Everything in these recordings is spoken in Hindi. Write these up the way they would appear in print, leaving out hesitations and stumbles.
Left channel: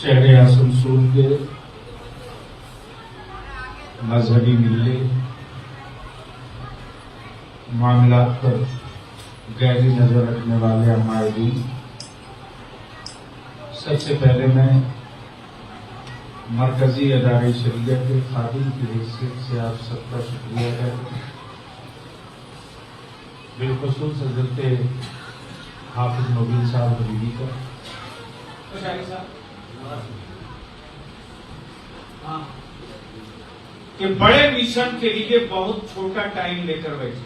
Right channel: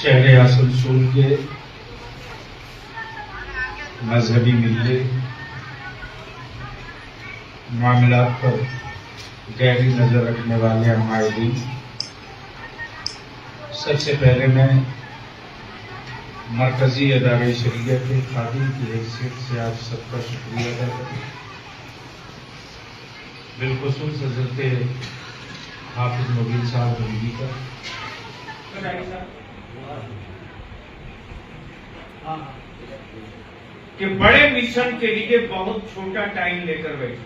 शहर आसनसोल के मजहबी मिलने मामला पर गहरी नजर रखने वाले हमारे दिन, सबसे पहले मैं मरकजी अदारे शरीयत के खादिम की हैसियत से आप सबका शुक्रिया अदा करता हूं। बिलखुसूस हजरत हाफिज मोबिल साहब हबीबी का कि बड़े मिशन के लिए बहुत छोटा टाइम लेकर बैठे,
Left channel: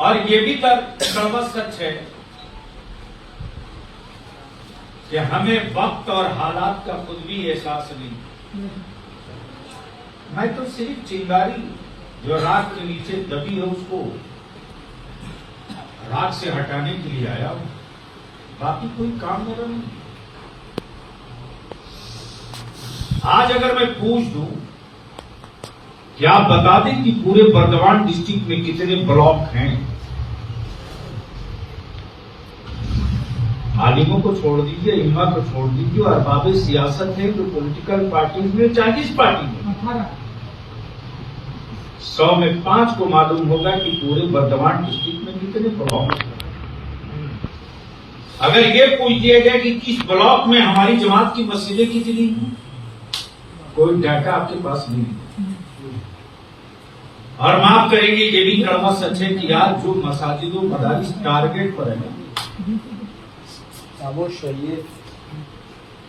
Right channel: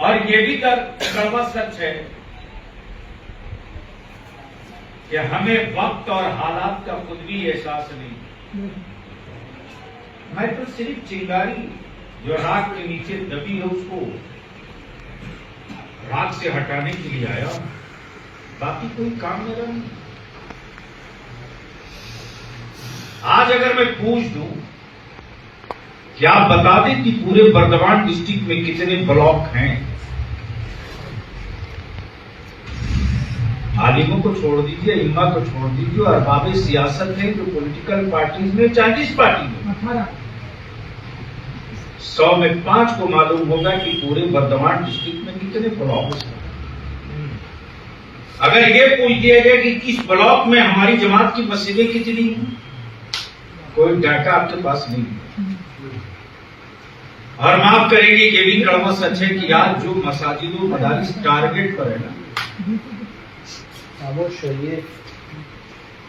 और ये भी कड़वा सच है कि हमें वक्त और हालात का खुद भी एहसास नहीं। मैं तो सिर्फ चिंगारी जो राख के नीचे दबी है उसको राख से हटाने के लिए आया हूं, बाकी कोई काम न नहीं। आज अगर मैं पूछ दूं कि आप बता दें कि पूरे बर्दवान डिस्ट्रिक्ट में कितने ब्लॉक हैं, आलिमों को छोड़ दीजिए, इम्मा को छोड़ दीजिए, और अरबाब सियासत ने जो पॉलिटिकल पार्टीज में 40 पार्टी में 100 में 5 को मालूम होगा कि पूरे बर्दवान डिस्ट्रिक्ट में कितने ब्लॉक हैं। अगर ये पूछ दिया जाए कि किस ब्लॉक में हमारी जमात की मस्जिदें कितनी हैं, कोई डाटा आपके पास नहीं है। और माफ करेंगे, ये भी कड़वा सच है कि आज जो मसाजिदों मदारिस टारगेट पर है ना,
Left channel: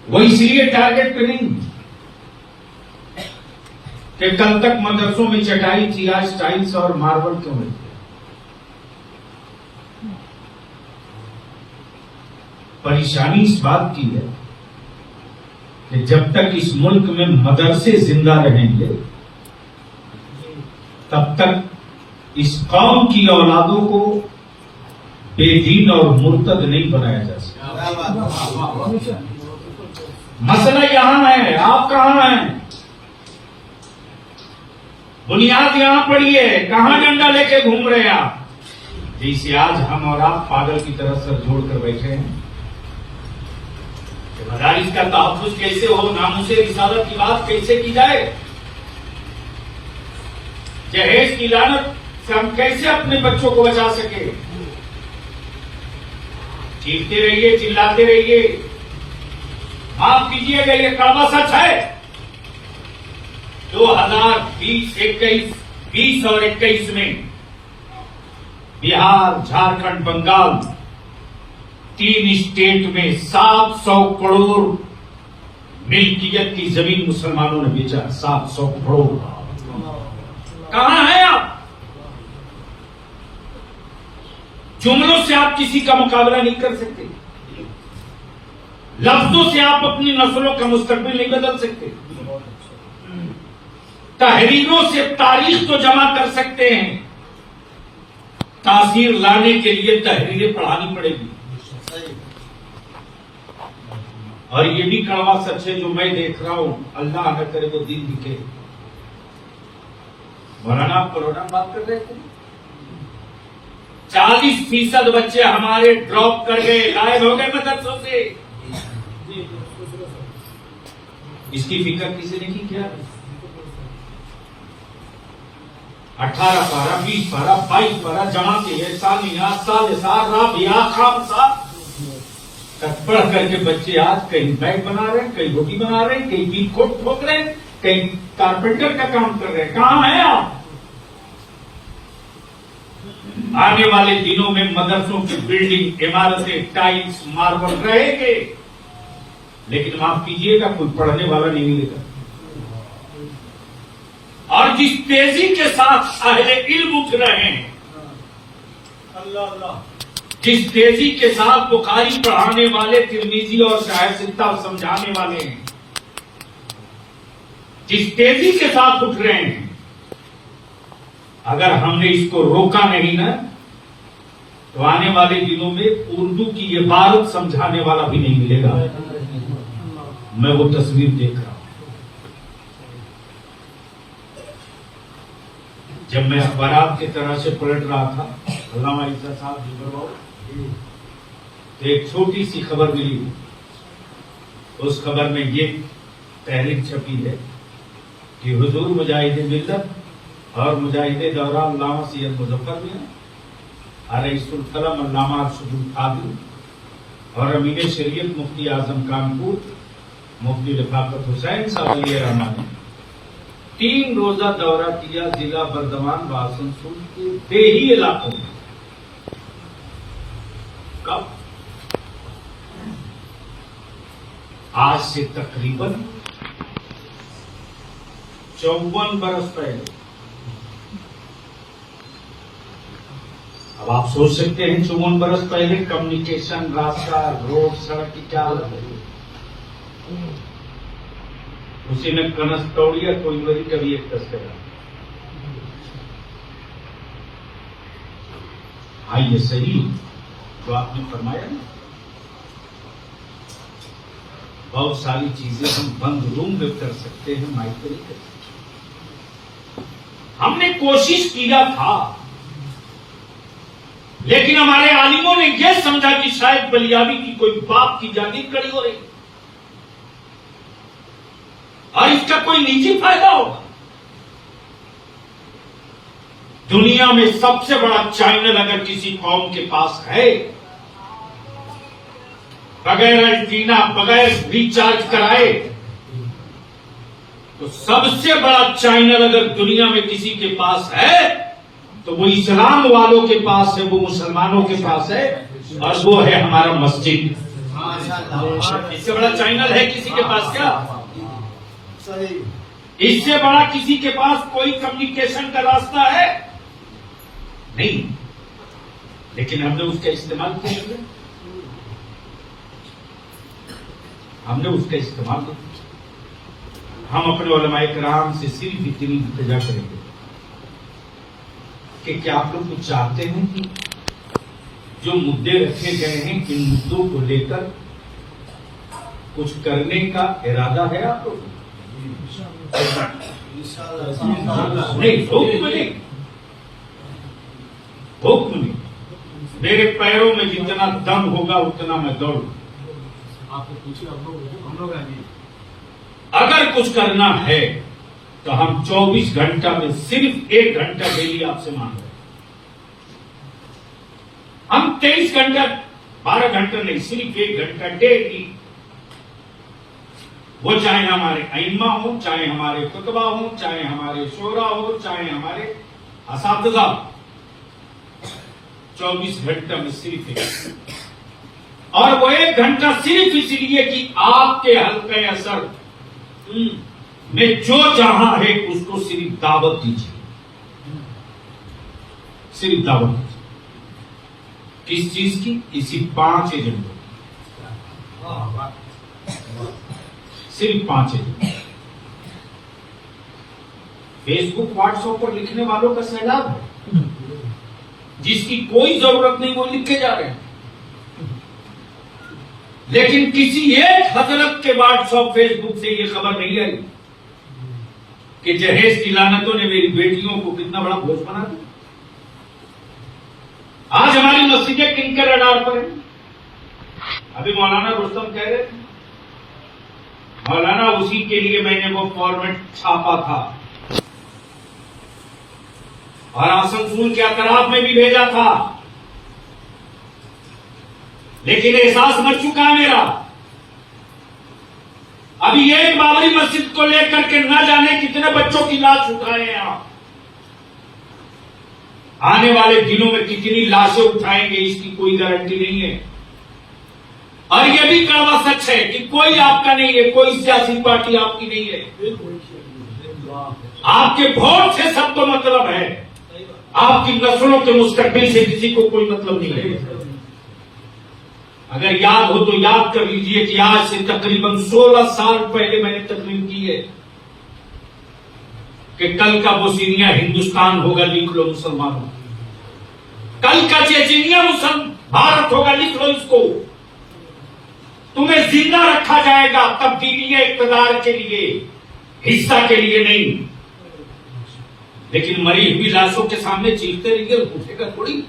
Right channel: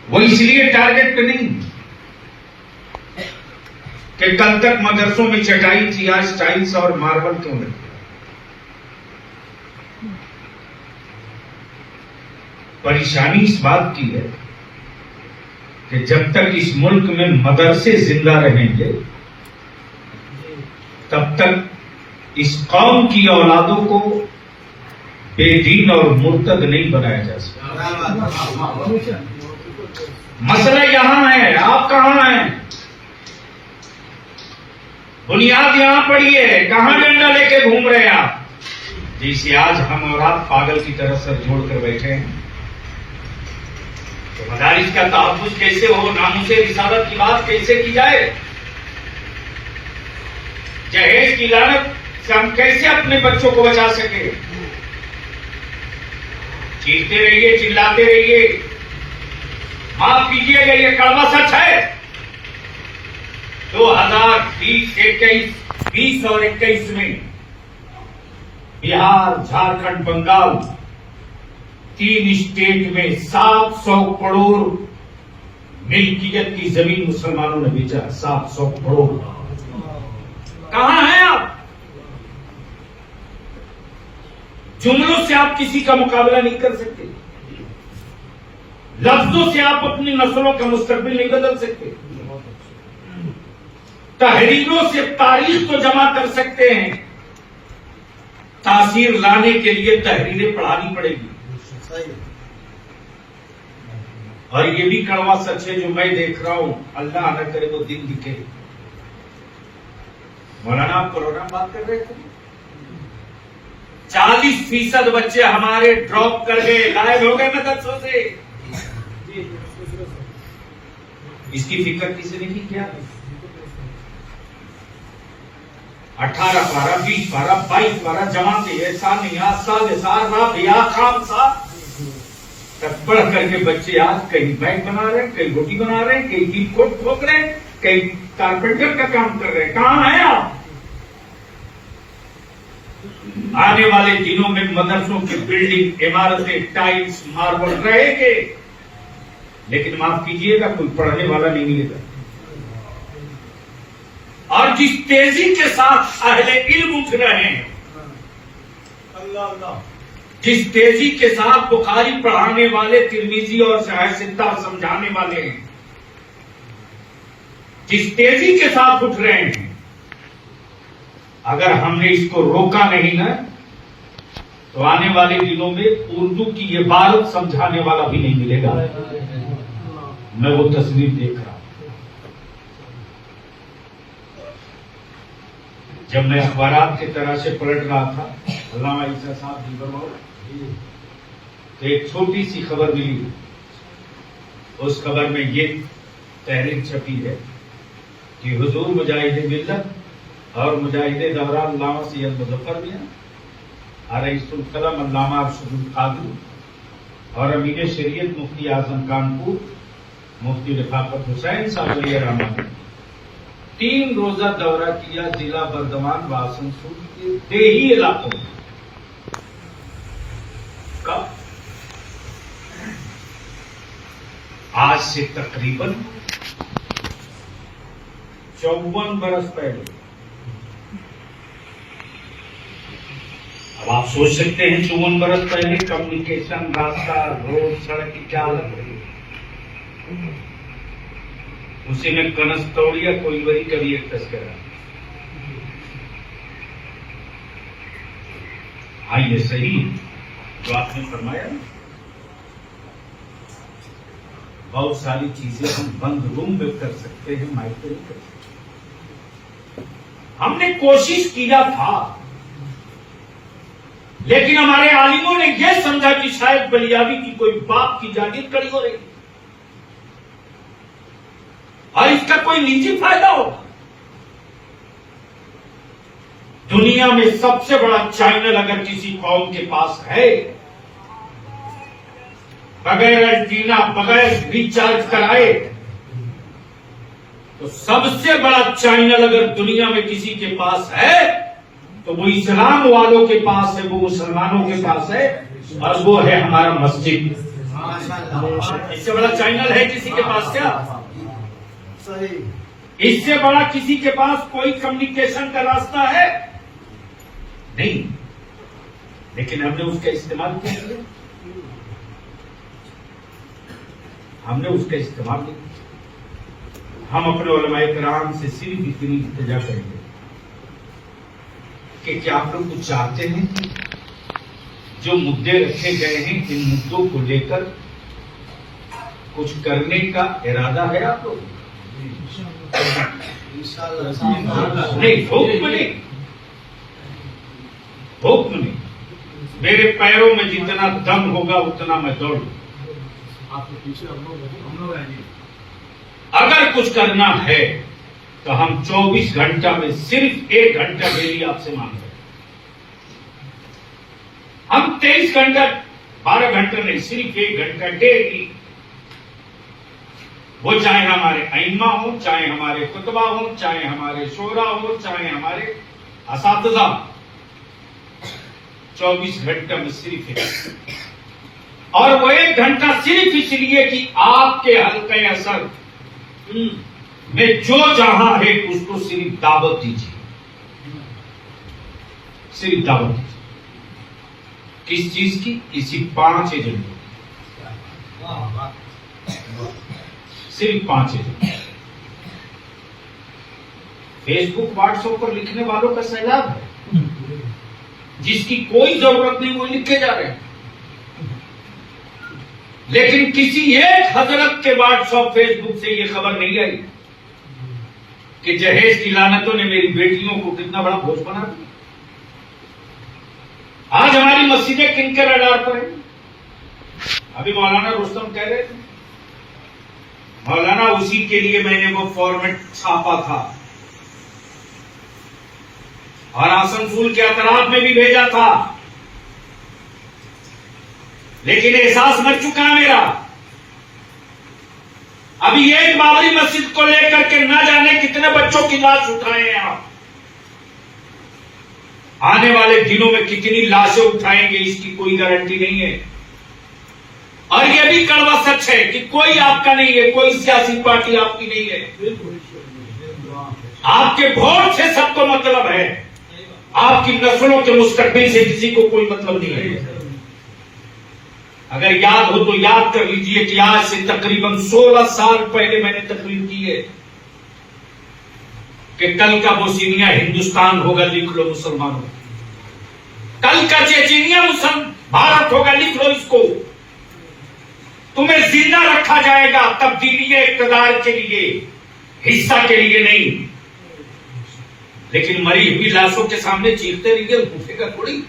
वो इसलिए टारगेट पे नहीं कि कल तक मदरसों में चटाई थी, आज टाइल्स और मार्बल क्यों नहीं। परेशानी इस बात की है कि जब तक इस मुल्क में मदरसे जिंदा रहेंगे तब तक इस कौम की औलादों को बेदीन और मुर्तद नहीं बनाया जा सकता। मसला यहां है, आप कहां हैं? बुनियाद यहां पड़ी है, कहां डंडा लेके घूम रहे हैं आप? जिसे आज हम और आप पागल की तरह सर जोड़कर बैठे हैं। तो मदारिस का तहफ्फुज़ कैसे हो, नामुसे रिसालत की बात कैसे की जाए, जहेज की लानत से हम कैसे अपने बच्चों को बचा सके? चीखते रहिए, चिल्लाते रहिए, माफ कीजिएगा ये कड़वा सच है। 2020 और 21 में बिहार, झारखंड, बंगाल 3 स्टेट में 700 करोड़ मिल्कियत की जमीन मुसलमानों ने बेचा। 700 करोड़। कहां हैं आप? जुमलों से आप किसी का मुकाबला नहीं कर सकते, लफ्जों से आप अपनी नस्लों का मुस्तकबिल नहीं बदल सकते, तहरीरों से तारीख तो जमा कर सकते हैं, तासीर लाने के लिए तहरीरें पढ़ानी पड़ेगी। और ये भी कड़वा सच है जो मैं देख रहा हूं, अल्लाह न करे वो दिन दिखे। मौलाना आप कोरोना बात कर रहे थे, 40% बच्चे हमारे ड्रॉप कर गए, गायब हो गए मदरसों से। इसकी फिक्र किसी ने नहीं किया। 18 पारा, 20 पारा, 22 पारा जमाते हैं, सानिया, सालिसा, राबिया, खामसा तक पढ़ करके बच्चे आज कहीं बैग बना रहे हैं, कहीं रोटी बना रहे हैं, कहीं बीट कोट ठोक रहे हैं, कहीं कारपेंटर का काम कर रहे हैं। कहां हैं आप? आने वाले दिनों में मदरसों की बिल्डिंग, इमारतें, टाइल्स, मार्बल रहेंगे, लेकिन माफ कीजिएगा कोई पढ़ने वाला नहीं मिलेगा। और जिस तेजी के साथ अहले इल्म उठ रहे हैं, जिस तेजी के साथ बुखारी पढ़ाने वाले, तिरमिजी और शाहसित्ता समझाने वाले हैं, जिस तेजी के साथ उठ रहे हैं, अगर हमने इसको रोका नहीं ना तो आने वाले दिनों में उर्दू की ये बात समझाने वाला भी नहीं मिलेगा। मैं वो तस्वीर देख रहा हूं। जब मैं अखबारात की तरह से पलट रहा था अल्लामा ईसा साहब जुगर बाबू, तो एक छोटी सी खबर मिली। उस खबर में ये तहरीर छपी है कि हुजूर मुजाहिद मिल्लत और मुजाहिद दौरा अल्लामा सैयद मुजफ्फर मियां रईसुल कलम अल्लामा अरशदुल कादरी और अमीर शरीयत मुफ्ती आजम कानपुर मुफ्ती लिफाकत हुसैन साहब अली रहमान 3 रोजा दौरा किया जिला बर्दमान व आसनसोल के देही इलाकों में। कब? आज से तकरीबन 54 बरस पहले। अब आप सोच सकते हैं 54 बरस पहले कम्युनिकेशन, रास्ता, रोड, सड़क की क्या हालत होगी। उसी में कनस्तौड़िया कोइलवरी का भी एक तस्करा। हाँ, ये सही जो आपने फरमाया ना, बहुत सारी चीजें हम बंद रूम में कर सकते हैं, माइक पर नहीं कर सकते। हमने कोशिश किया था, लेकिन हमारे आलिमों ने यह समझा कि शायद बलियाबी की कोई बाप की जागीर खड़ी हो रही और इसका कोई निजी फायदा होगा। दुनिया में सबसे बड़ा चैनल अगर किसी कौम के पास है, बगैर एंटीना, बगैर रिचार्ज कराए, तो सबसे बड़ा चैनल अगर दुनिया में किसी के पास है तो वो इस्लाम वालों के पास है, वो मुसलमानों के पास है, और वो है हमारा मस्जिद। इससे बड़ा चैनल है किसी के पास क्या? इससे बड़ा किसी के पास कोई कम्युनिकेशन का रास्ता है? नहीं। लेकिन हमने उसका इस्तेमाल किया, हमने उसका इस्तेमाल किया। हम अपने उलमाए किराम से सिर्फ इतनी इल्तिजा करेंगे कि क्या आप लोग कुछ चाहते हैं कि जो मुद्दे रखे गए हैं, इन मुद्दों को लेकर कुछ करने का इरादा है आप लोग? नहीं, हुक्म नहीं, हुक्म नहीं। मेरे पैरों में जितना दम होगा उतना मैं दौड़ू। आपके पीछे हम लोग आएंगे। अगर कुछ करना है तो हम 24 घंटा में सिर्फ 1 घंटा डेली आपसे मांग रहे हैं। हम 23 घंटा 12 घंटा नहीं, सिर्फ 1 घंटा डेली। वो चाहे हमारे अइम्मा हो, चाहे हमारे खुतबा हो, चाहे हमारे शोरा हो, चाहे हमारे असातिज़ा, 24 घंटा में सिर्फ 1। और वो 1 घंटा सिर्फ इसलिए कि आपके हल्के असर में जो जहां है उसको सिर्फ दावत दीजिए, सिर्फ दावत दीजिए। किस चीज की? इसी 5 एजेंडों की, सिर्फ 5 एजेंडों। फेसबुक, व्हाट्सएप पर लिखने वालों का सैलाब है, जिसकी कोई जरूरत नहीं, वो लिखे जा रहे हैं। लेकिन किसी एक हजरत के व्हाट्सएप, फेसबुक से ये खबर नहीं आई कि जहेज की लानतों ने मेरी बेटियों को कितना बड़ा बोझ बना दिया। आज हमारी मस्जिदें किनके रडार पर है? अभी मौलाना रुस्तम कह रहे थे, मौलाना उसी के लिए मैंने वो फॉर्मेट छापा था और आसनसोल के अतराफ में भी भेजा था, लेकिन एहसास मच चुका है मेरा। अभी एक बाबरी मस्जिद को लेकर के न जाने कितने बच्चों की लाश उठाए हैं आप। आने वाले दिनों में कितनी लाशें उठाएंगे इसकी कोई गारंटी नहीं है। और यह भी कड़वा सच है कि कोई आपका नहीं है, कोई सियासी पार्टी आपकी नहीं है। आपके वोट से सबको मतलब है, आपकी नस्लों के मुस्तकबिल से किसी को कोई मतलब नहीं है। अगर याद हो तो याद कर लीजिए कि आज से तकरीबन 16 साल पहले मैंने तकरीर की है कि कल का बोस्निया हिंदुस्तान होगा, लिख लो मुसलमानों। कल का चेचनिया भारत होगा, लिख लो इसको। तुम्हें जिंदा रखा जाएगा तब्दीली इक़्तिदार के लिए, हिस्सा के लिए नहीं। लेकिन मरी हुई लाशों के सामने चीखते रहिए, उठेगा थोड़ी।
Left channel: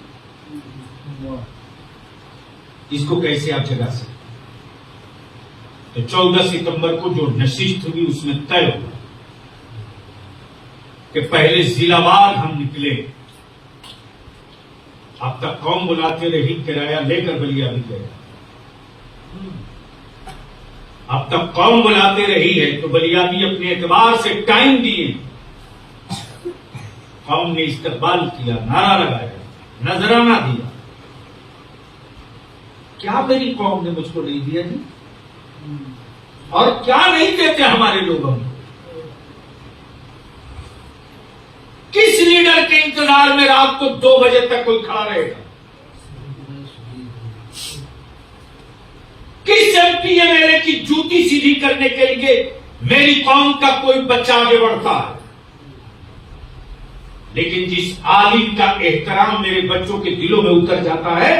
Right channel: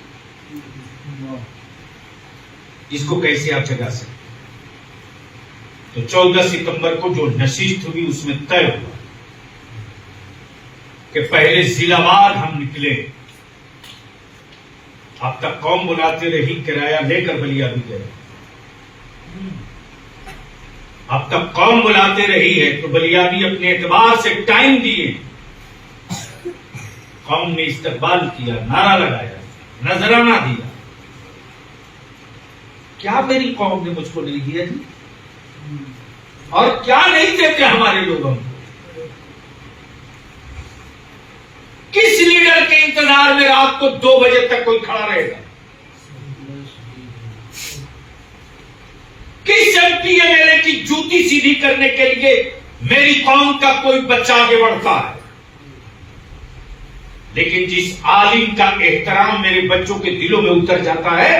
इसको कैसे आप जगा सकते? तो 14 सितंबर को जो नशिस्त हुई उसमें तय हुआ कि पहले जिलावार हम निकले। अब तक कौम बुलाते रही, किराया लेकर बलिया भी गए। अब तक कौम बुलाते रही है तो बलिया भी अपने एतबार से टाइम दिए। कौम ने इस्तकबाल किया, नारा लगाया, नजराना दिया। क्या मेरी कौम ने मुझको नहीं दिया जी? और क्या नहीं देते हमारे लोगों को? किस लीडर के इंतजार में रात को 2 बजे तक कोई खड़ा रहेगा? किस एमपी एमएलए की जूती सीधी करने के लिए मेरी कौम का कोई बच्चा आगे बढ़ता है? लेकिन जिस आलिम का एहतराम मेरे बच्चों के दिलों में उतर जाता है,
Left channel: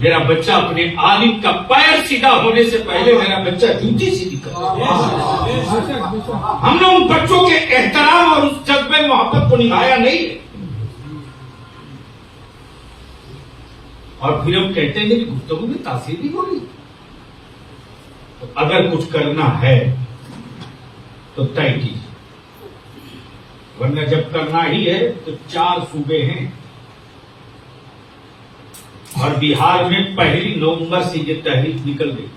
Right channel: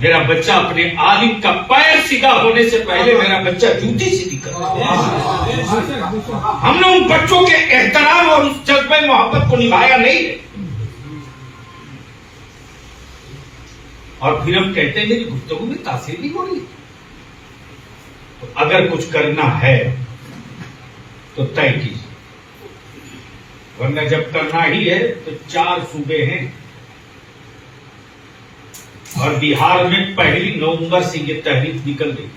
मेरा बच्चा अपने आलिम का पैर सीधा होने से पहले मेरा बच्चा जूती सीधी करता है। हमने उन बच्चों के एहतराम और उस जज्बे मोहब्बत को निभाया नहीं है। और फिर हम कहते हैं मेरी गुफ्तगू में तासीर नहीं हो रही। तो अगर कुछ करना है तो तय कीजिए, वरना जब करना ही है तो 4 सूबे हैं और बिहार में 1 नवंबर से ये तहरीक निकल गई।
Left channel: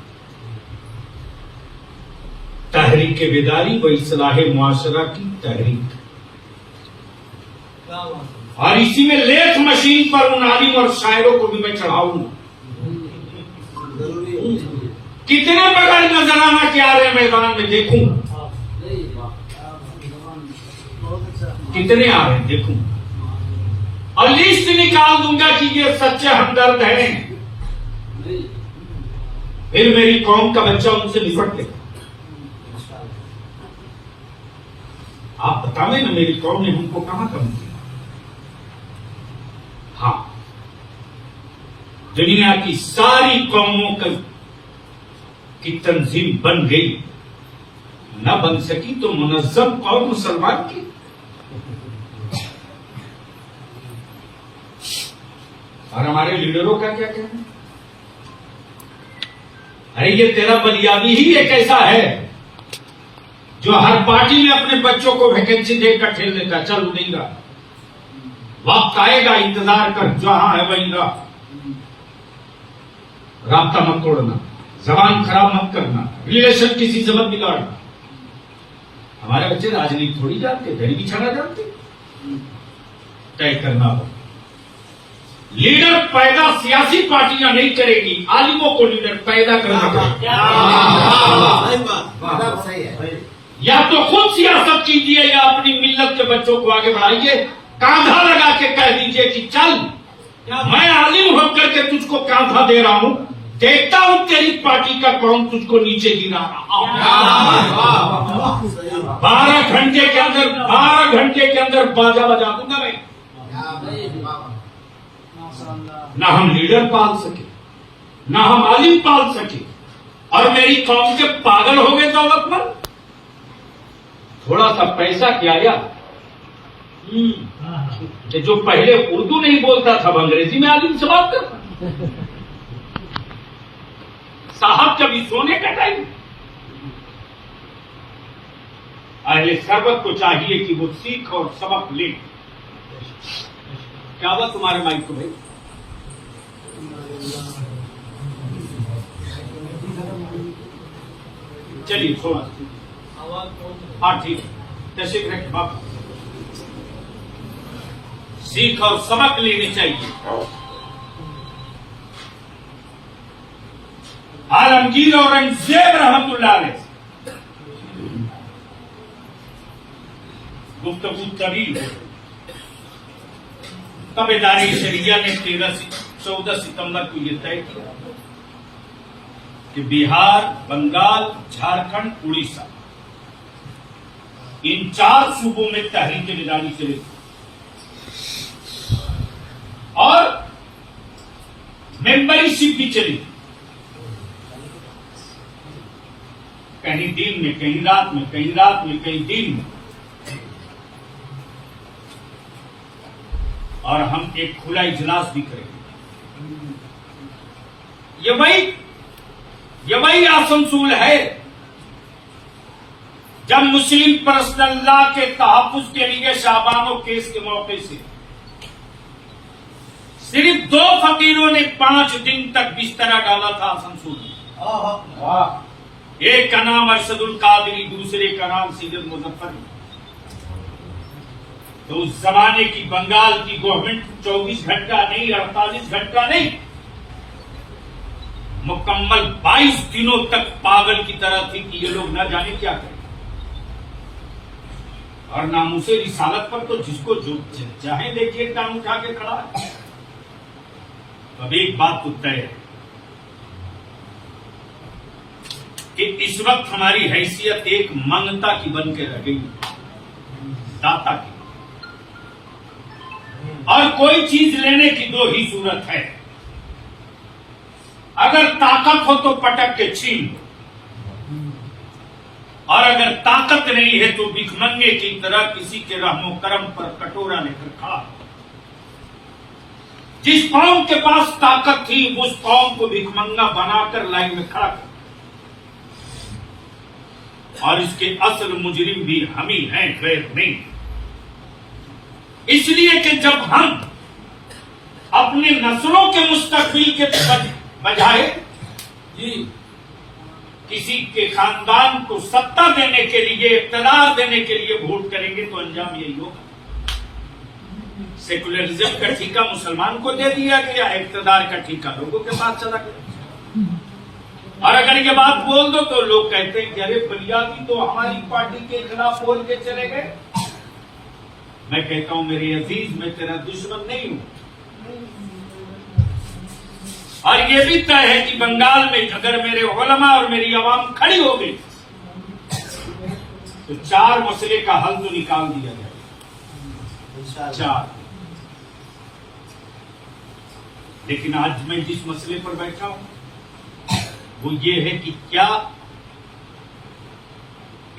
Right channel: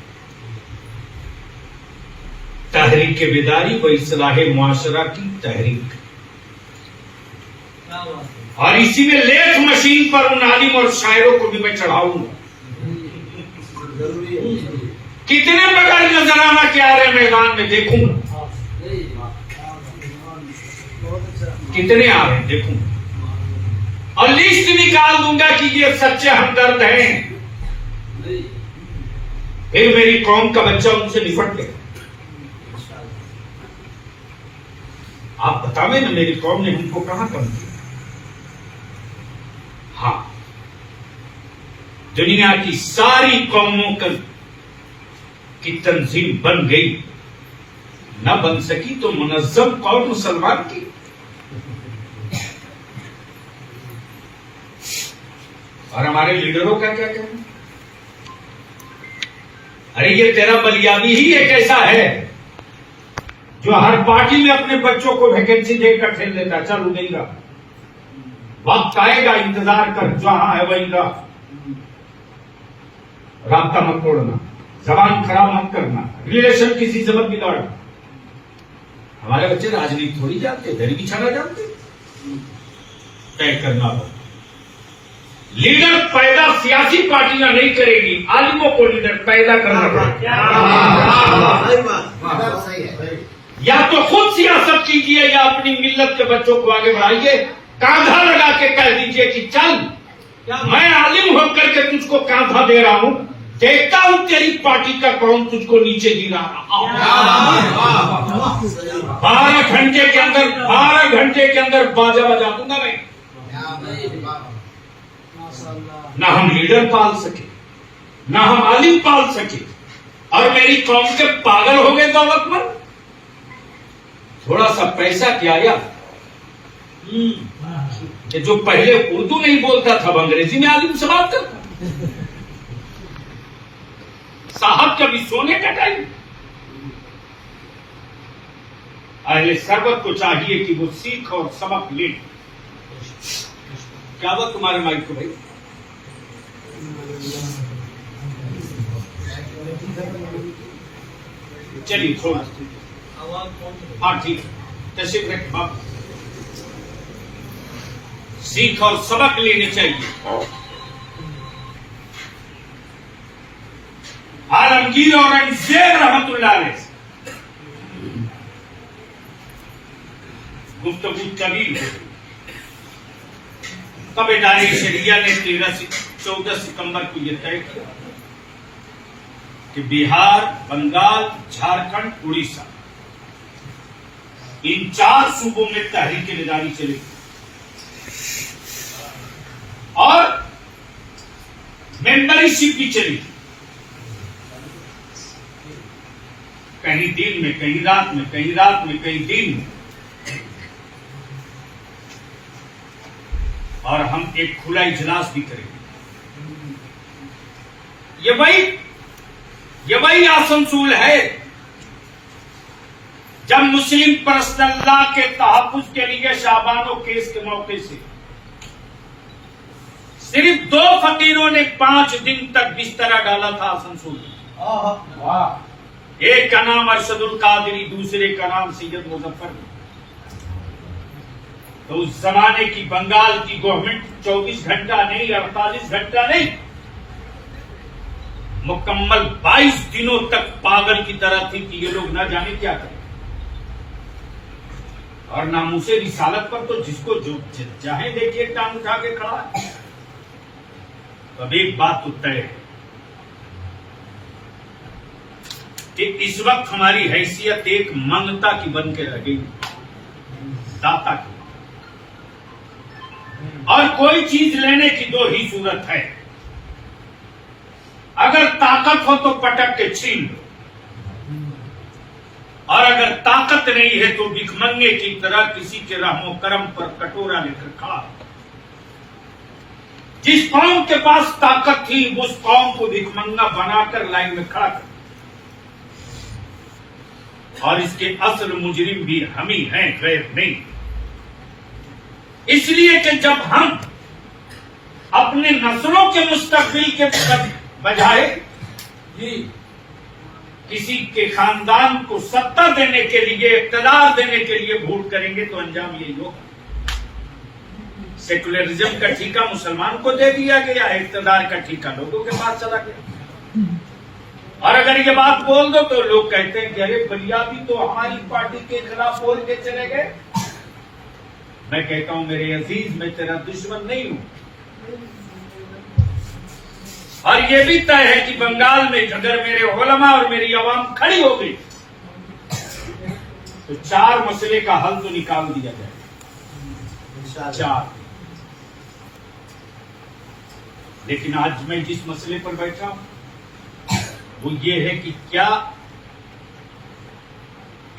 तहरीक बेदारी व इस्लाह मुआशरा की तहरीक, और इसी में लेथ मशीन पर उन आलिम और शायरों को भी मैं चढ़ाऊंगा। कितने बगैर नजराना के आ रहे मैदान में देखूंगा, कितने आ रहे हैं देखूंगा, और लिस्ट निकाल दूंगा कि ये सच्चे हमदर्द हैं। फिर मेरी कौम का बच्चा उनसे निपट गया। आप बतावे ना मेरी कौम ने हमको कहां कम किया? हाँ, दुनिया की सारी कौमों की तंजीम बन गई, न बन सकी तो मुनज्जम कौम मुसलमान की। और हमारे लीडरों का क्या कहना? अरे ये तेरा बलियाबी ही एक ऐसा है जो हर पार्टी में अपने बच्चों को वैकेंसी देकर ठेल देता। चल देगा, वक्त आएगा, इंतजार कर, जहां है वहीं रह। राब्ता मत तोड़ना, जबान खराब मत करना, रिलेशन किसी से मत बिगाड़ना। हमारे बच्चे राजनीति थोड़ी जानते, दरी बिछाना जानते। तय करना हो, लीडर पैदा सियासी पार्टियां नहीं करेगी, आलिमों को लीडर पैदा करना पड़ेगा। या तो खुद सियासत कीजिए या अपनी मिल्लत के बच्चों को आगे बढ़ाइए। कांधा लगा के कह दीजिए कि चल, मैं आलिम होकर के तुझको कांधा दे रहा हूं, देखता हूं तेरी पार्टी का कौन तुझको नीचे गिरा रहा। 12 घंटे के अंदर बाजा बजा दूंगा मैं। ना हम लीडर पाल सके, ना हम आलिम पाल सके, और मेरी कौम के पागल हो गए दौलतमंद। थोड़ा सा पैसा क्या यार, कि जो पहले उर्दू नहीं बोलता था अंग्रेजी में आलिम से बात करता। साहब कभी सोने का टाइम। अहले सरबत को चाहिए कि वो सीख और सबक ले। क्या बात तुम्हारे माइक को भाई? चलिए थोड़ा, हाँ ठीक है, तशरीफ रख बाप। सीख और सबक लेने चाहिए। आलमगीर औरंगजेब रहमतुल्लाह अलैह गुफ्तगू तवील हो। तब इदारे शरिया ने 14 सितंबर को यह तय किया कि बिहार, बंगाल, झारखंड, उड़ीसा, इन 4 सूबों में तहरीक बेदारी चलेगी। और मेंबरशिप भी चलेगी, कहीं दिन में, कहीं रात में, कहीं रात में, कहीं दिन में। और हम एक खुला इजलास भी करेंगे। ये वही आसनसोल है जब मुस्लिम पर्सनल लॉ के तहफ्फुज के लिए शाहबानो केस के मौके से सिर्फ 2 फकीरों ने 5 दिन तक बिस्तरा डाला था आसनसोल में। एक का नाम अरशदुल कादरी, दूसरे का नाम सैयद मुजफ्फर। तो उस जमाने की बंगाल की गवर्नमेंट 24 घंटा नहीं, 48 घंटा नहीं, मुकम्मल 22 दिनों तक पागल की तरह थी कि ये लोग न जाने क्या करें। और नामूसे रिसालत पर तो जिसको जो चाहे देखिए टांग उठा के खड़ा है। तो अब एक बात तो तय है कि इस वक्त हमारी हैसियत एक मंगता की बन के रह गई, दाता की। और कोई चीज लेने की 2 ही सूरत है, अगर ताकत हो तो पटक के छीन लो, और अगर ताकत नहीं है तो भिखमंगे की तरह किसी के रहमो करम पर कटोरा लेकर खड़ा। जिस कौम के पास ताकत थी उस कौम को भिखमंगा बनाकर लाइन में खड़ा कर, और इसके असल मुजरिम भी हम ही हैं, गैर नहीं। इसलिए कि जब हम अपने नस्लों के मुस्तकबिल के बजाय किसी के खानदान को सत्ता देने के लिए, इख्तियार देने के लिए वोट करेंगे तो अंजाम यही होगा। सेकुलरिज्म का ठीका मुसलमान को दे दिया गया, इख्तियार का ठीका लोगों के पास चला गया। और अगर ये बात बोल दो तो लोग कहते हैं कि अरे बलियाती तो हमारी पार्टी के खिलाफ बोल के चले गए। मैं कहता हूं मेरे अजीज, मैं तेरा दुश्मन नहीं हूं। और ये भी तय है कि बंगाल में अगर मेरे उलमा और मेरी आवाम खड़ी हो गई तो 4 मसले का हल तो निकाल दिया जाएगा, 4। लेकिन आज मैं जिस मसले पर बैठा हूं वो ये है कि क्या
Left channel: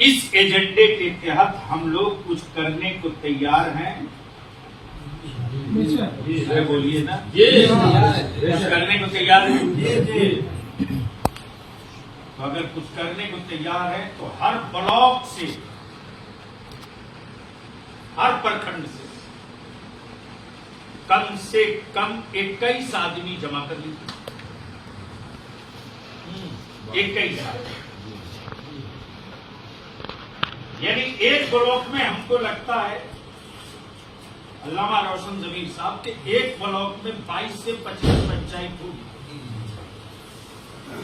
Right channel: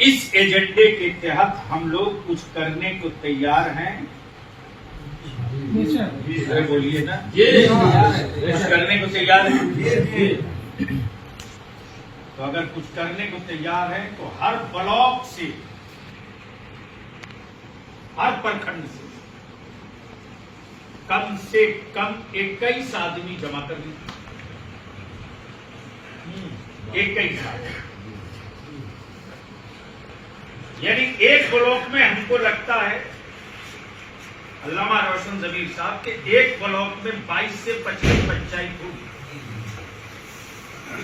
इस एजेंडे के तहत हम लोग कुछ करने को तैयार हैं? बोलिए ना, कुछ करने को तैयार है। तो अगर कुछ करने को तैयार है तो हर ब्लॉक से, हर प्रखंड से कम 21 आदमी जमा कर लीजिए। 21 आदमी, यानी एक ब्लॉक में हमको लगता है अल्लामा रोशन जमीर साहब के एक ब्लॉक में 22 से 25 पंचायत होगी।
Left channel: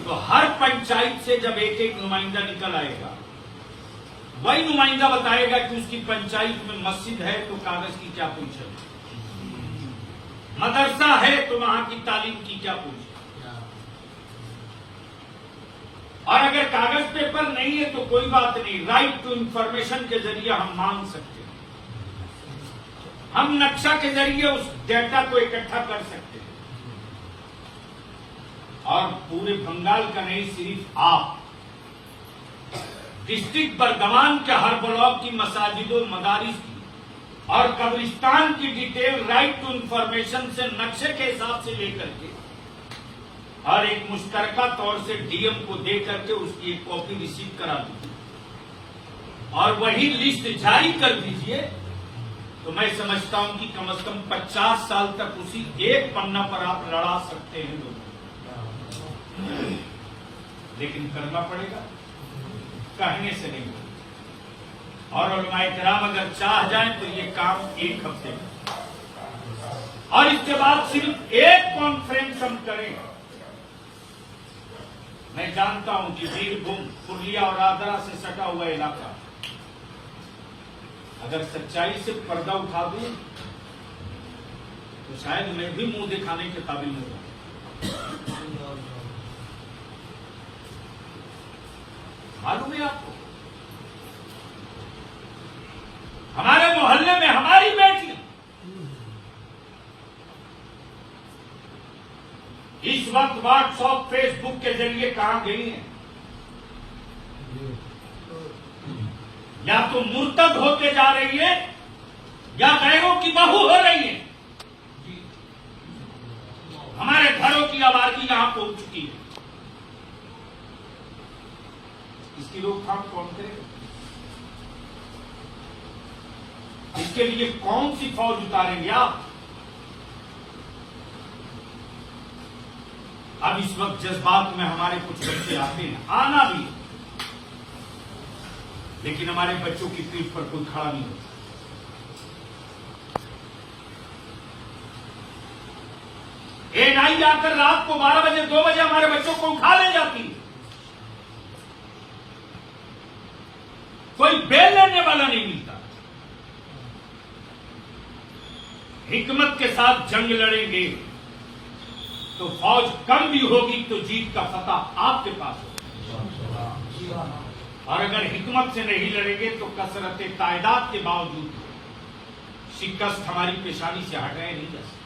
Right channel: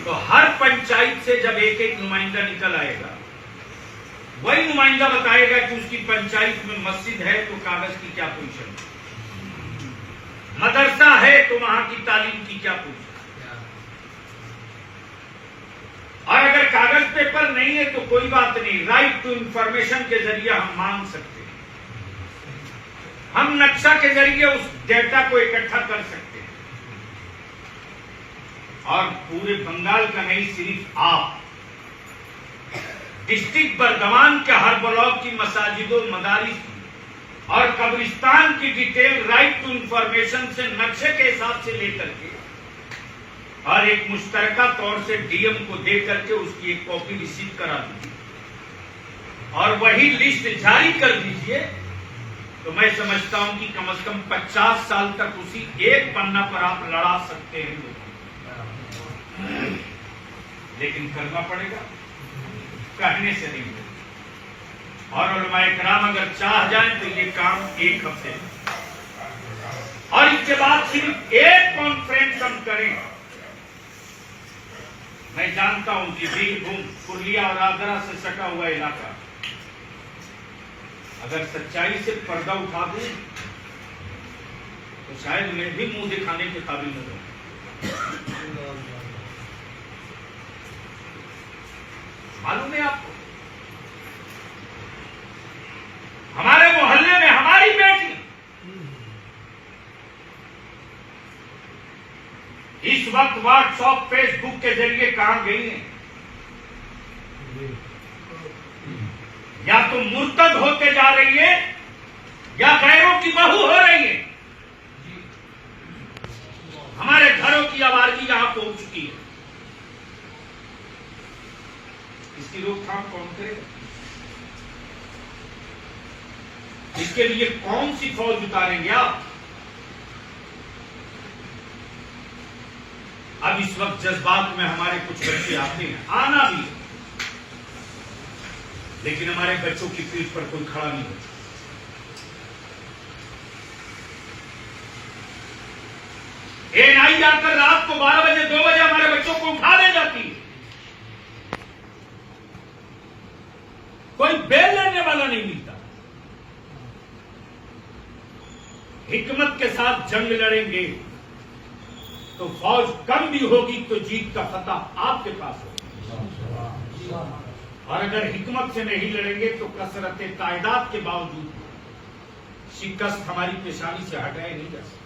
तो हर पंचायत से जब एक नुमाइंदा निकल आएगा, वही नुमाइंदा बताएगा कि उसकी पंचायत में मस्जिद है तो कागज की क्या पोजीशन है, मदरसा है तो वहां की तालीम की क्या पोजीशन, और अगर कागज पेपर नहीं है तो कोई बात नहीं, राइट टू इंफॉर्मेशन के जरिए हम मांग सकते हैं। हम नक्शा के जरिए उस डेटा को इकट्ठा कर सकते हैं। और पूरे बंगाल का नहीं, सिर्फ आप डिस्ट्रिक्ट बर्दवान के हर ब्लॉक की मसाजिदों, मदारिस और कब्रिस्तान की डिटेल राइट टू इंफॉर्मेशन से नक्शे के हिसाब से लेकर के और एक मुश्तरका तौर से डीएम को दे करके उसकी एक कॉपी रिसीव करा दीजिए और वही लिस्ट जारी कर दीजिए। तो मैं समझता हूं कि कम से कम 50 साल तक उसी एक पन्ना पर आप लड़ा सकते हैं। लेकिन करना पड़ेगा, कहने से नहीं। और उलमाए किराम अगर चाह जाएं तो ये काम 1 हफ्ते में, और इसके बाद सिर्फ एक कॉन्फ्रेंस हम करें। मैं जानता हूं कि बीरभूम, पुरलिया और आगरा से सटा हुआ इलाका, अगर सच्चाई से पर्दा उठा दूं तो शायद मैं भी मुंह दिखाने के काबिल नहीं हूं। मालूम है आपको, हमारे मोहल्ले में हमारी बेटी इस वक्त व्हाट्सएप, फेसबुक के जरिए कहां गई है? या तो मुर्तद होते जा रही है या गैरों की बहू हो रही है। हमारे घरों की आबादी यहां पहुंच चुकी है। इसकी रोकथाम कौन करेगा? इसके लिए कौन सी फौज उतारेंगे आप? अब इस वक्त जज्बात में हमारे कुछ बच्चे आते हैं, आना भी, लेकिन हमारे बच्चों की पीठ पर कोई खड़ा नहीं होता। एएनआई आकर रात को 12 बजे 2 बजे हमारे बच्चों को उठा ले जाती है। कोई बेल लेने वाला नहीं मिलता। हिकमत के साथ जंग लड़ेंगे तो फौज कम भी होगी तो जीत का फतह आपके पास होगा, और अगर हिकमत से नहीं लड़ेंगे तो कसरत तायदाद के बावजूद शिकस्त हमारी पेशानी से हटाए नहीं जा सकते।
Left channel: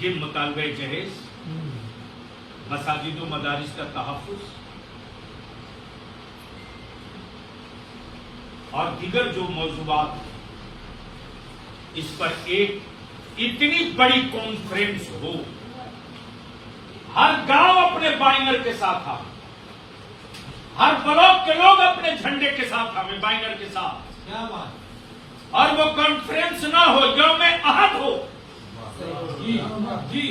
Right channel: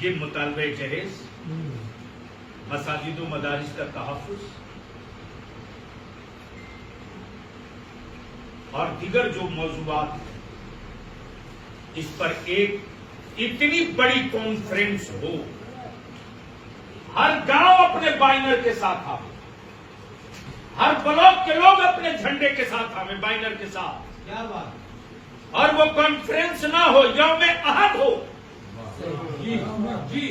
ये मुतालबे जहेज, मसाजिद व मदारिस का तहफ़्फ़ुज़ और दीगर जो मौज़ूआत हैं, इस पर एक इतनी बड़ी कॉन्फ्रेंस हो, हर गांव अपने बैनर के साथ आवे, हर ब्लॉक के लोग अपने झंडे के साथ आवे, बैनर के साथ, क्या बात, और वो कॉन्फ्रेंस ना हो, यौम अहद हो, जी जी,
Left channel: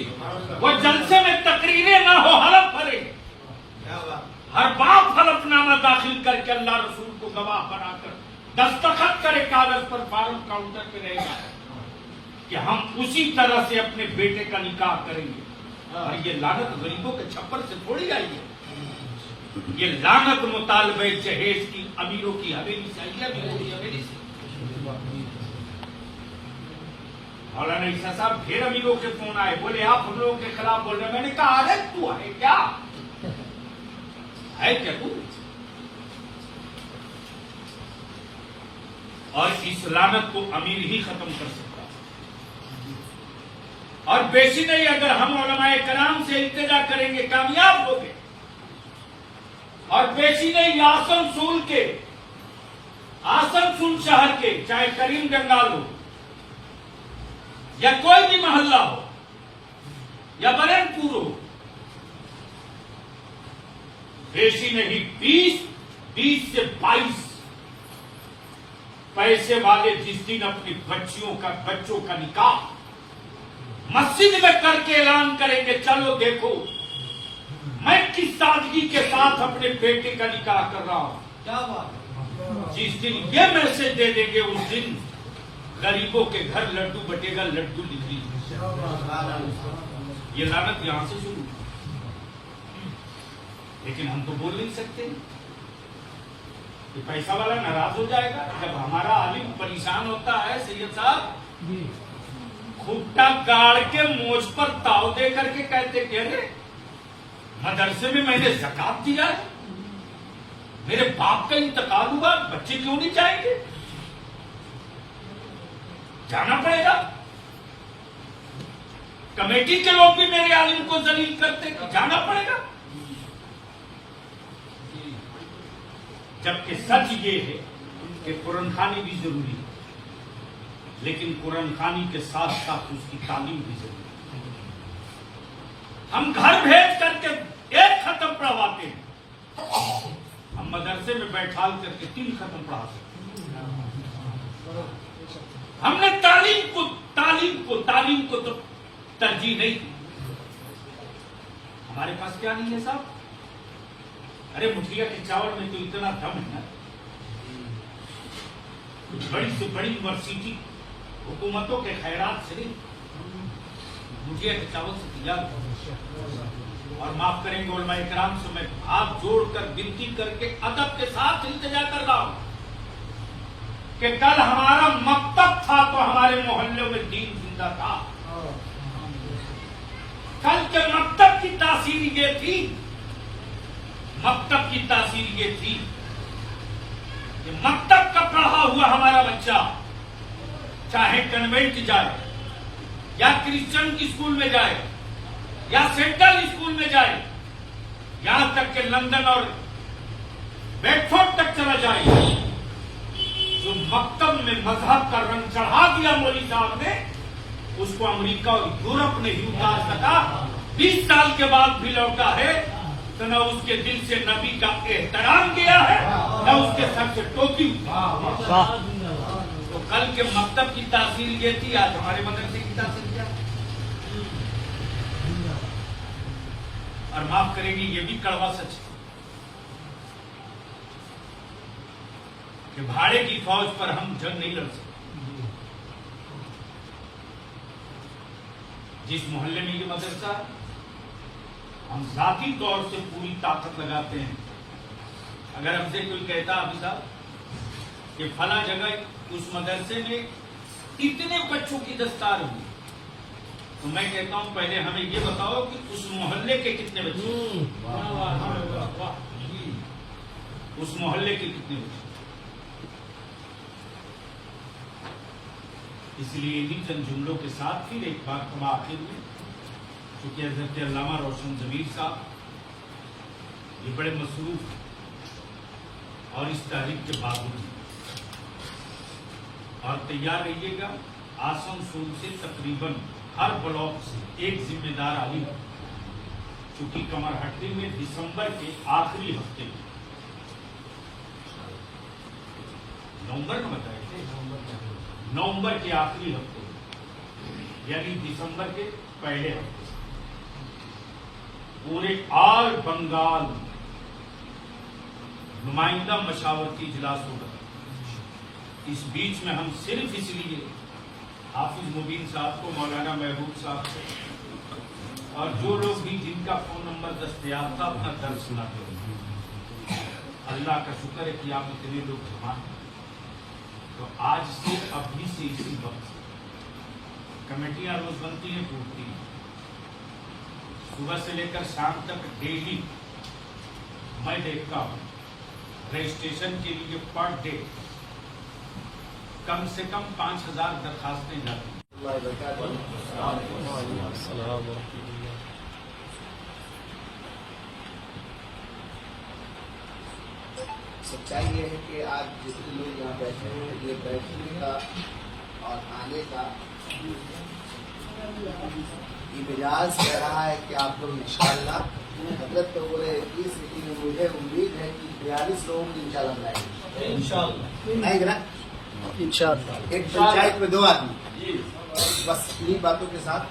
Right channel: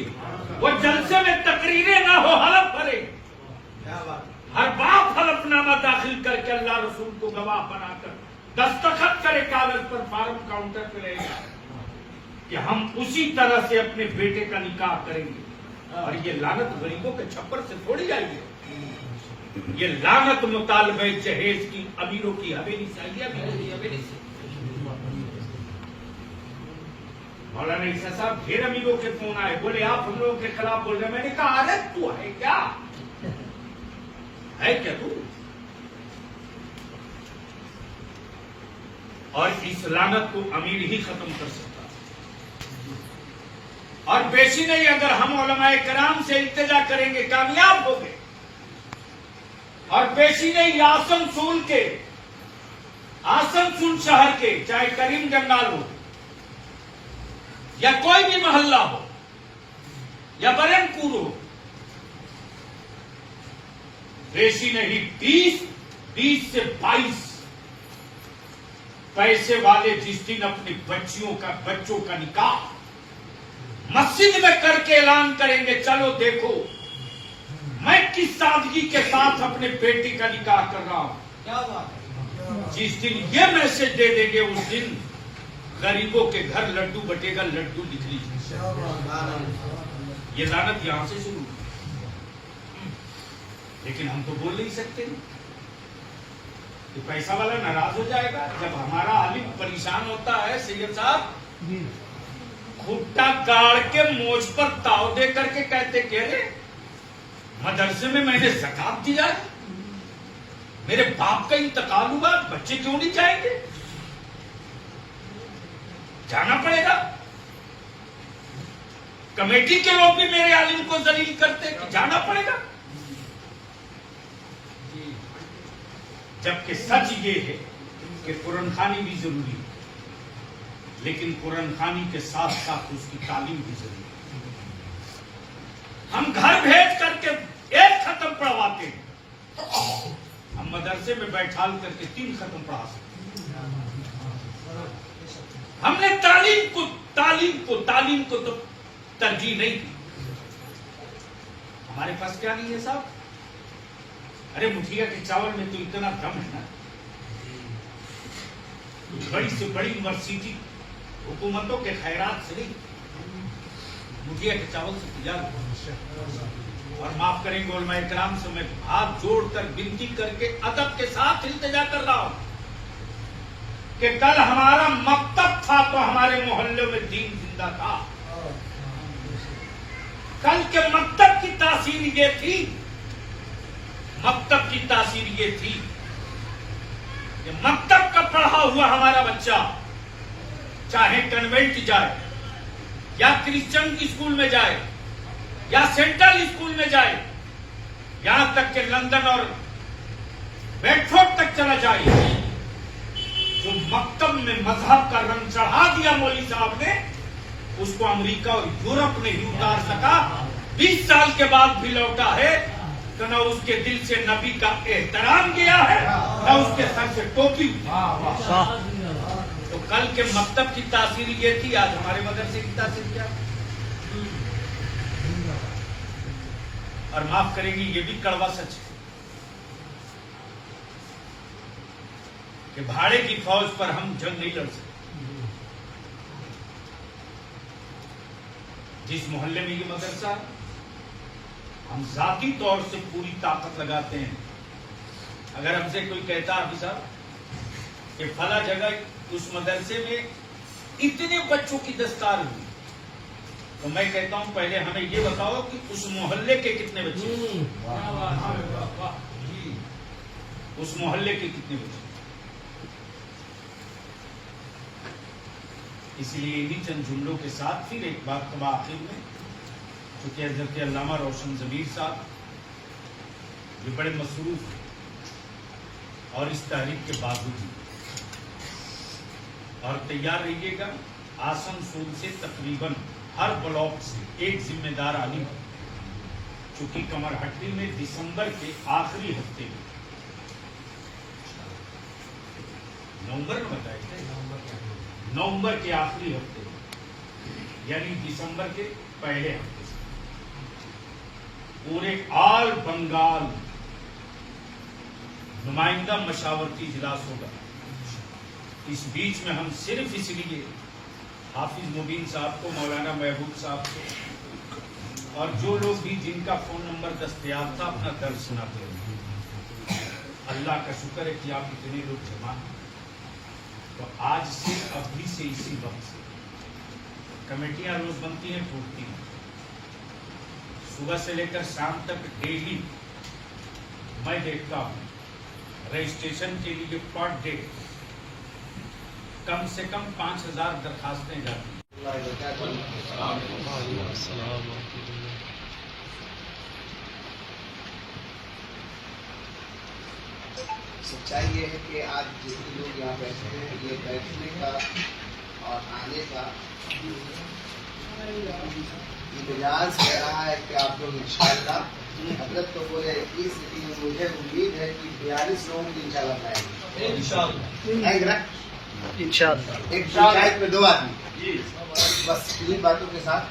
वो जलसे में तकरीरें ना हो, हलफ करे, हर बाप हलफनामा दाखिल करके अल्लाह रसूल को गवाह बनाकर दस्तखत करे कागज पर, फार्म काउंटर पे रहेगा कि हम उसी तरह से अपने बेटे का निकाह करेंगे। और ये लानत गरीबों के छप्पर से थोड़ी जाएगी, ये लानत मुतालबे जहेज की अमीरों की हवेली से आई है, अमीरों की हवेली से। मौलाना ईसा साहब, ढेर अमीरों के फोन आए, बोले आप हम लोगों के खिलाफ बोल रहे। मैंने कहा अरे तू है क्या, है क्या तू? और इस लानत को अमीर ही खत्म कर सकता, और बेशी नहीं, अगर हम उलमाए कराम से इल्तिजा करेंगे कामयाब होंगे। और बेशी नहीं, आसनसोल शहर के, चाहे करीम जंगाल हो या कोई भी मोहल्ला हो या बरनपुर हो, बेशी नहीं 20 से 22 पैसे वाले जिस दिन अपनी बच्चों का निकाह मस्जिद में करके ऐलान करेंगे, चलो देखो मैं किस सादगी के साथ अपने बेटे का निकाह कर रहा हूं, क्या बात। जिस दिन ये मैसेज दे देंगे, उस दिन गरीबों के घर लड्डू बटेगा, लड्डू लिख लीजिए। ये लानत यहां से शुरू, लेकिन हम तो बोल नहीं सकते कि पैसा वाला नाराज हो जाएगा। जब हमारा आलिम परेशान होता है, सैयद साहब खुट्टा गाड़ के मोछ पर ताव दे करके कहते कि अरे मदरसे में मैंने ज़कात दिया है, मेरे बाप का इंतकाल हुआ, बच्चे क्यों नहीं जाएंगे? जाना पड़ेगा। कमेटी के लोग भी मेरे आलिम को जलील करते कि जाना पड़ेगा, जबकि सच ये है कि कुरान खानी भी जरूरी है, लेकिन कुरान खानी के साथ साथ उसकी तालीम भी जरूरी है। हम घर भेज करके एक खत्म पढ़वाते हैं, हम मदरसे में बैठाल करके 3 खत्म पढ़ा सकते हैं। हमने तालीम को तो तरजीह नहीं दी। हमारे पास क्या नहीं है साहब? अरे मुठिया के चावल में तो इतना दम है ना, बड़ी से बड़ी यूनिवर्सिटी हुकूमतों के खैरात से नहीं, मुठिया के चावल से तैयार। और माफ करेंगे उलमाए किराम से मैं हाथ जोड़कर विनती करके अदब के साथ इल्तिजा कर रहा हूं कि कल हमारा मकतब था तो हमारे मोहल्ले में दीन जिंदा था। कल के मकतब की तासीर ये थी, मकतब की तासीर ये थी कि मकतब का पढ़ा हुआ हमारा बच्चा चाहे कन्वेंट जाए या क्रिश्चियन की स्कूल में जाए या सेंट्रल स्कूल में जाए, यहां तक कि लंदन और बेडफोर्ड तक चला जाए, जो मकतब में मजहब का रंग चढ़ा दिया मौलवी साहब ने, उसको अमेरिका और यूरोप नहीं उतार सका, 20 साल के बाद भी लौटा है, तो न उसके दिल से नबी का एहतराम किया है, न उसके सर से टोपी। तो कल के मकतब की तासीर ये थी, आज हमारे मदरसे की तासीर क्या है? और माफ करेंगे, ये भी कड़वा सच है कि भाड़े की फौज पर हम जंग नहीं लड़ सकते। जिस मोहल्ले में ये मदरसा है, हम जाती तौर से पूरी ताकत लगाते हैं। अगर हमसे कोई कहता हाफिज साहब कि फला जगह उस मदरसे में इतने बच्चों की दस्तार हुई, तो मैं कहता हूं पहले हमें ये बताओ कि उस मोहल्ले के कितने बच्चे, उस मोहल्ले के कितने बच्चे। इसलिए इन्हीं चंद जुमलों के साथ फिर एक बात तब आखिर में, क्योंकि हज़रत अल्लामा रोशन ज़मीर साहब ये बड़े मसरूफ और इस तारीख के बावजूद और तैयार रहिएगा, आसनसोल से तकरीबन हर ब्लॉक से एक जिम्मेदार आलिम, चूंकि कमरहट्टी में दिसंबर के आखिरी हफ्ते में, नवंबर में बताए थे, नवंबर के आखिरी हफ्ते यानी दिसंबर के पहले हफ्ते से पूरे ऑल बंगाल नुमाइंदा मशावरती इजलास होगा। इस बीच में हम सिर्फ इसलिए हाफिज मुबीन साहब को, मौलाना महबूब साहब को और जो लोग भी जिनका फोन नंबर दस्तयाब था अपना दर्द सुना करें। अल्लाह का शुक्र है कि आप इतने लोग जमा हैं। तो आज से अभी से इसी वक्त से कमेटियां रोज बनती हैं, टूटती हैं। सुबह से लेकर शाम तक डेली मैं देखता हूं रजिस्ट्रेशन के लिए पर डे कम से कम 5000 दरखास्तें जाती हैं। सच्चाई ये है कि आज जितने लोग यहाँ बैठे हैं, ये बैठने का और आने का ये मिजाज कह रहा है कि आप लोग इंशाअल्लाह, हजरत तो बोले इस स्थिति में मुझे उम्मीद है कि 42 लोगों की इंशाअल्लाह बनाएंगे, इंशाअल्लाह। एक पंचायत में 2 आदमी, बस इन्हीं बातों के साथ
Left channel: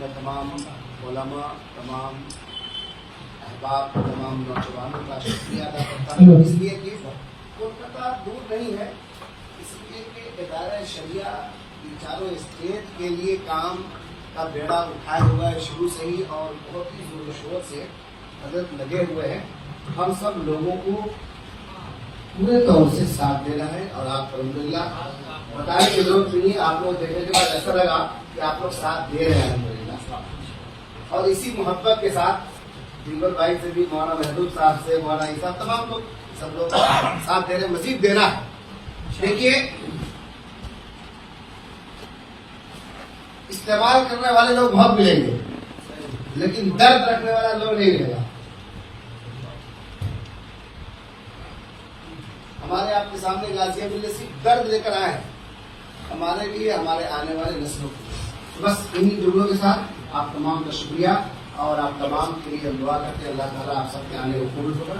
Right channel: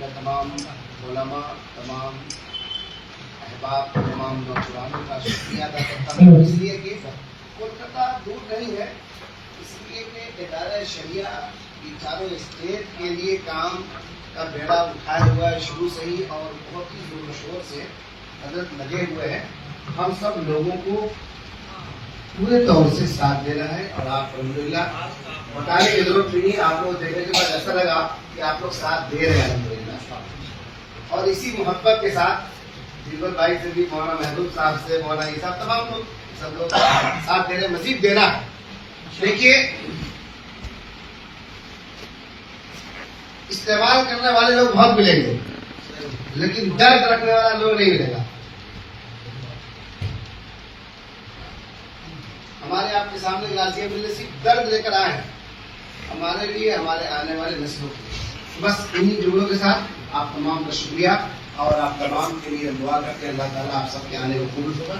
मैं तमाम उलमा, तमाम अहबाब, तमाम नौजवानों का शुक्रिया अदा करता हूँ। इसलिए कि कोलकाता दूर नहीं है, इसलिए कि इदारा शरिया की चारों स्टेट के लिए काम का बेड़ा उठाए हुआ है शुरू से ही, और बहुत ही जोर शोर से हजरत लगे हुए हैं। हम सब लोगों को पूरे तौर से साथ देना है और आप अल्हम्दुलिल्लाह बताने की जरूरत नहीं, आप लोग देखने के बाद ऐसा लगा कि आप लोग साथ दे रहे हैं अल्हम्दुलिल्लाह। और इसी मोहब्बत के साथ दीपक भाई से भी, मौलाना महबूब साहब से, मौलाना ये साहब, तमाम लोग सब लोग साथ दे रहे, मजीद देना है। देखिए, इस्तेमाल करने वाले लोग बहुत मिलेंगे, लेकिन दर्द रखने वाला लोग नहीं मिलेगा। हमारे आपके सामने गाजिया मिलने सिर्फ दर्द लेकर आए हैं, हमारे लिए, हमारे आने वाले नस्लों के लिए। बस इन्हीं जुमलों के साथ आप तमाम का शुक्रिया, और आप तमाम के लिए दुआ करते हैं अल्लाह ताला आप सबके आने को कबूल होगा।